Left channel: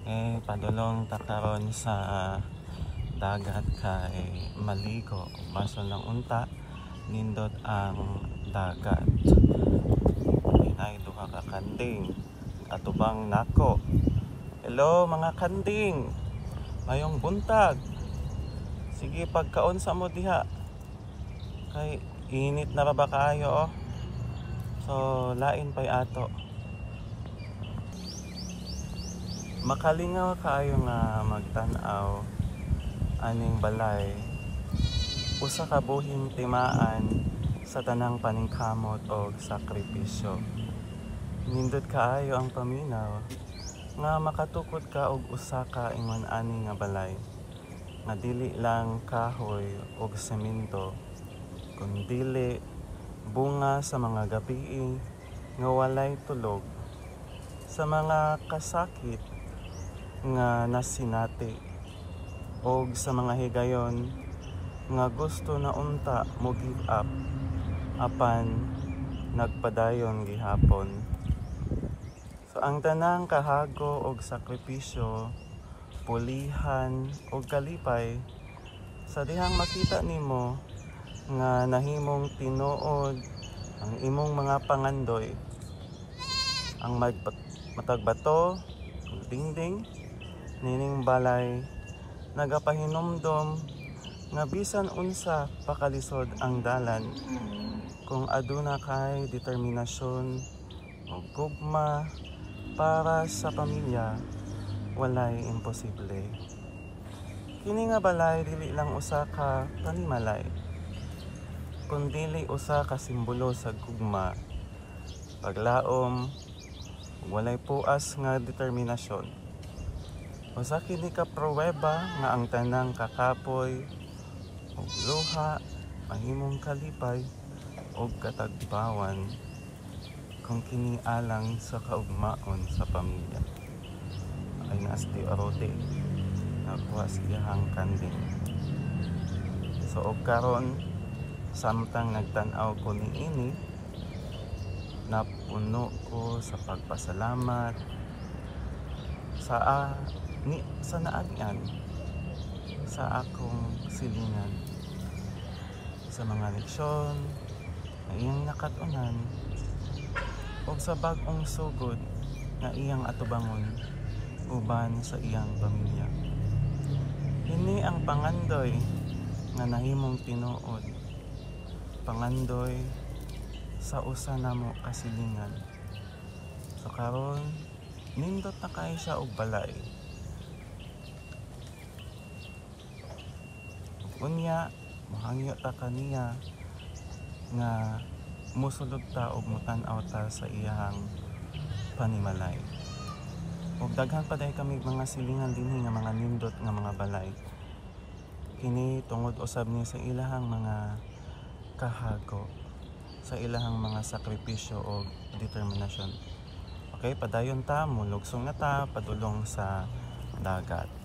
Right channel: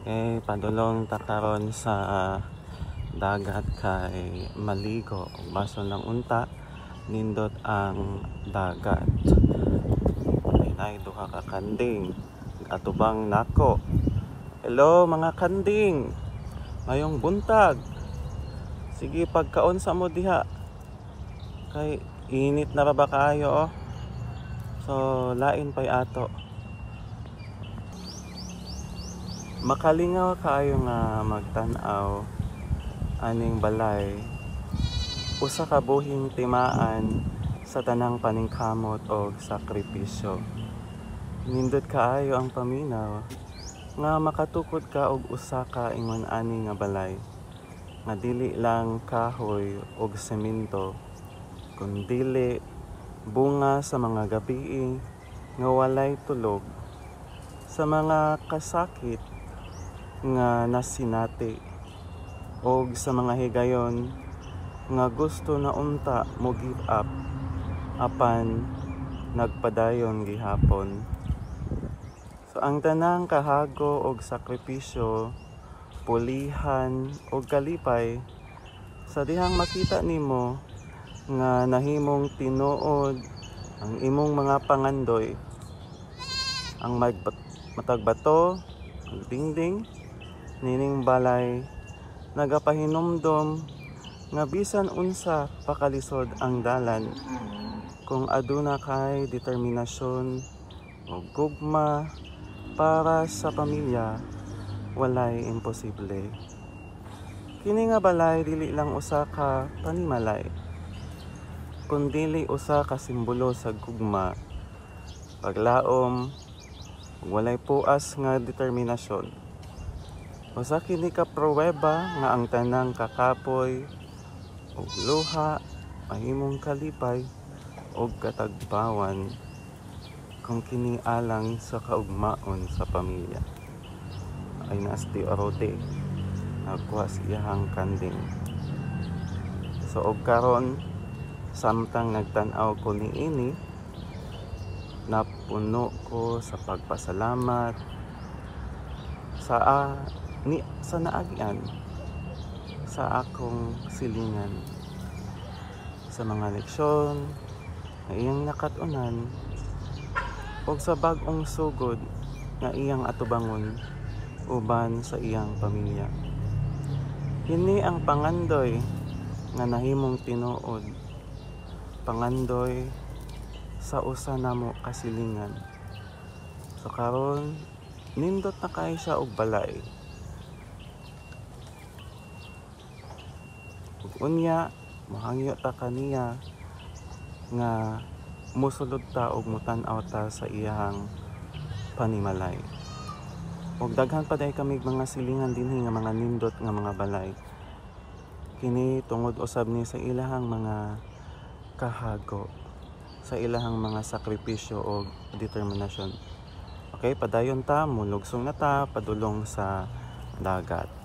Padulong ta karon sa dagat kay maligo baso ng unta nindot ang dagat. Inay duha ka kanding atubang nako. Hello mga kanding, ngayong buntag sige pagkaon sa mo diha kay init na ba kayo so lain pay ato. Makalingaw kayo nga magtan-aw aning balay, usa ka buhing timaan sa tanang paningkamot o sakripisyo. Nindot kaayo ang paminaw nga makatukod ka og usa ka ingon ani nga balay nga dili lang kahoy og semento kundili bunga sa mga gabi nga walay tulog, sa mga kasakit nga nasinati og sa mga higayon nga gusto na unta mo give up apan nagpadayon gihapon. So ang tanang kahago og sakripisyo, pulihan og kalipay sa dihang makita nimo nga nahimong tinuod ang imong mga pangandoy, ang matagbato, dingding nining balay nagapahinumdom nga bisan unsa pakalisod ang dalan kung aduna kay determinasyon o gugma para sa pamilya, walay imposible. Kini nga balay dili lang usa ka panimalay kundili usa ka simbolo sa gugma, paglaom, walay puas nga determinasyon. Usa kini ka pruweba nga ang tanang kakapoy ug luha mahimong kalipay ug katagbawan kung kini alang sa kaugmaon sa pamilya. Ay nasti orote nakuha siyang kanding. So og karon samtang nagtan-aw ko niini, napuno ko sa pagpasalamat sa naagyan sa akong silingan, sa mga leksyon na iyang nakatunan o sa bag-ong sugod na iyang atubangon uban sa iyang pamilya. Kini ang pangandoy nga nahimong tinuod, pangandoy sa usa namo kasilingan. So karon nindot na kay siya og balay. Unya mahangyo ta kaniya nga mosulod ta og mutan-aw ta sa iyang panimalay. Ug daghan pa day kami mga silingan dinhi nga mga nindot nga mga balay. Kini tungod usab ni sa ilahang mga kahago, sa ilahang mga sakripisyo o determinasyon. Okay, padayon ta, mulugsong na ta padulong sa dagat.